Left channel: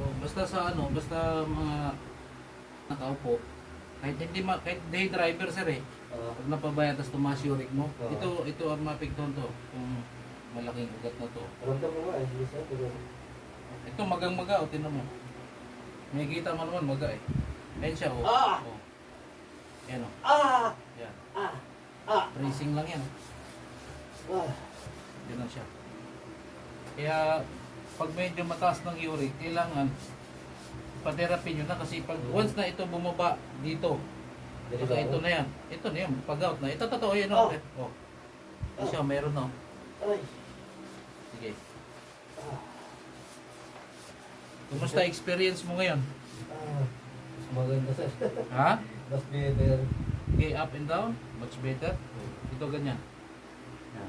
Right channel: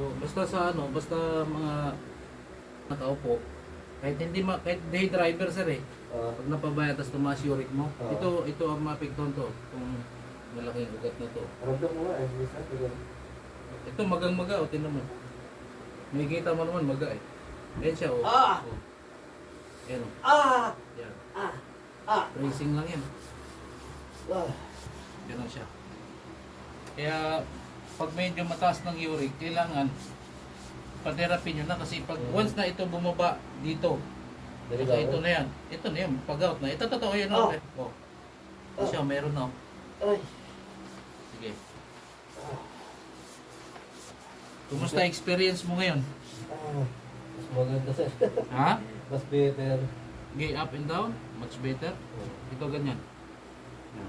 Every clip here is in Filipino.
So, basta sa ano, basta mga nakaupo, kahit day driver sir eh, pag napabaya tapos tumaas uric mo, ito ang mapigton to, kung malaking ugat na to. Ramdam mo nga eh, minsan. Ito magang-maga, o tinan mo. May kita mo naman maga eh. Ayan siya, oh. Ah! Oh. Ayan, oh. Ah! Yan. Ah! Ah! Tracing lang yan. Ah! Ganun siya. Kaya, pag medyo mataas ng uric, kailangan pa-therapy nyo na kasi pag once na ito bumaba dito, kasi ito na yan. Ito na yan, pag-out na. Ito totoo yan, oh. Oh. Ito siya, mayroon na, oh. Ay! Sige. Kumusta experience mo ngayon? Ah! Maganda sir. Ha? Mas better. Okay, up and down, much better. Ito ganyan.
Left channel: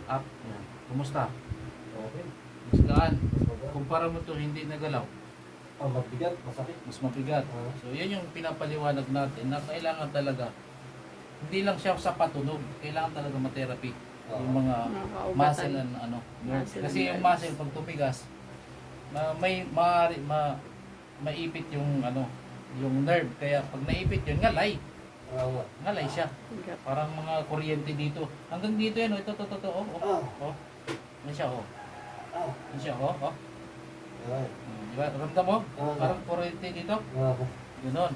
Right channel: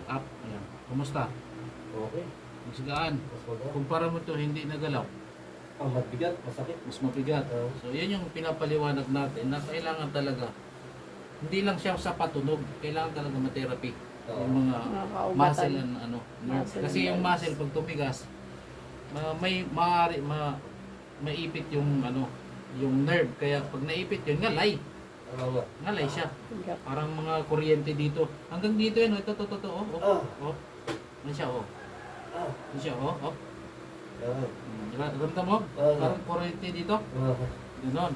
Up, ayan. Kumusta? Okay. Mas gaan. Mas maganda. Kumpara mo to, hindi nagalaw. Ang mabigat, masakit. Mas mabigat. So, yan yung pinapaliwanag natin na kailangan talaga. Hindi lang siya sa patunog, kailangan talaga ma-therapy. Yung mga Nakakaugatan. muscle and ano. Muscle Kasi and yung nerves. muscle pag tumigas, maipit yung ano, yung nerve. Kaya pag naipit yun, ngalay. Ngalay siya. Bigat. Parang mga kuryente dito. Hanggang dito yan, oh. Ito, oh. Oh. Yan siya, oh. Ah! Yan siya, oh. Ay! Diba? Ramdam mo? Oo. Parang kuryente dito. Ah! Ganon.